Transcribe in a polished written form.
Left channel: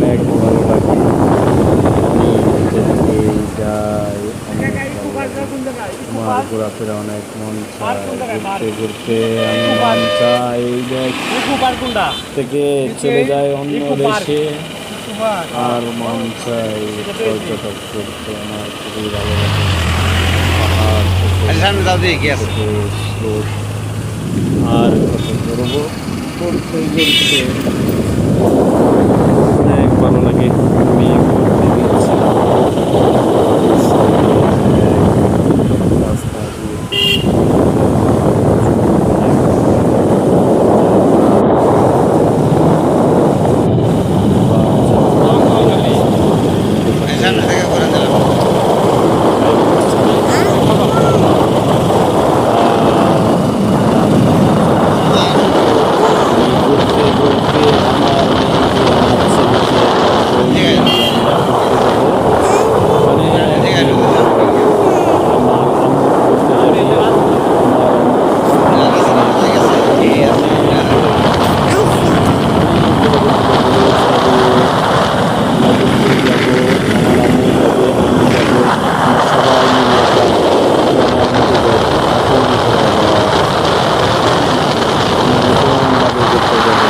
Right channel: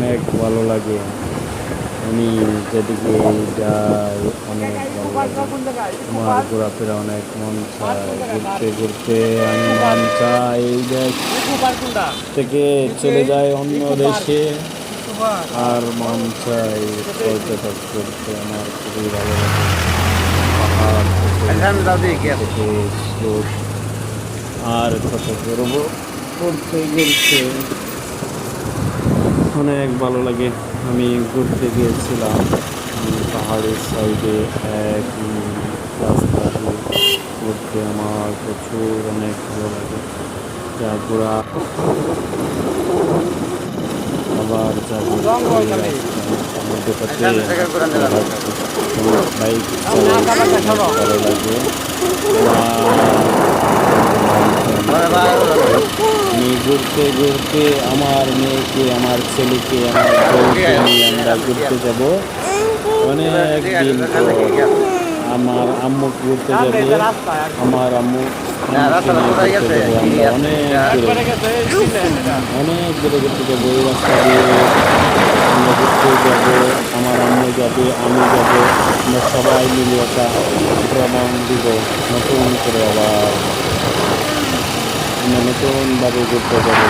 অনেক ভালো লাগে। আমি যেদিকে যাই অনেক ভালো লাগে। আমার ঘোরাফেরা অনেক মন চায়, ঘুরতে ঘুরতে আমি মন চাই এই দেশ থেকে চলে যায় অন্য দেশে। আর মন চাই পর্যটক করতে, আমার খুবই ভালো লাগে। পাহাড় থেকে স্রোত আর কত করবো, ঘুরতে ঘুরতে অনেক ভালো লাগে। আমি ঘুরতে গিয়েছিলাম পাহাড়ের সাইডে এক রাস্তা দিয়ে ঘুরতে, আমার প্রচুর অনেক ভালো লাগে। ঘোরার আবার যাবো ঘুরতে পারতে বাইক চালাই ভালো লাগে। আমি ঘুরতে ঘুরতে আমার মেয়েকে, আমার ছেলেকে, আমার বউকে নিয়ে আমরা ঘুরতে যাব অনেকদিন পর। আমার আম্মু ঘুরতে যাবে, আমার আম্মুকে নিয়ে ঘুরতে যাবো আমরা অনেক দূরে ঘুরতে যাবো। সবে আমরা ঘুরতে যাবো, আমার আম্মু যাবে, আমি যাব, আমরা সবাই মিলে একটা ভ্রমণ দেব নতুন করে। আবার আমরা নতুনভাবে ঘুরতে যাবো।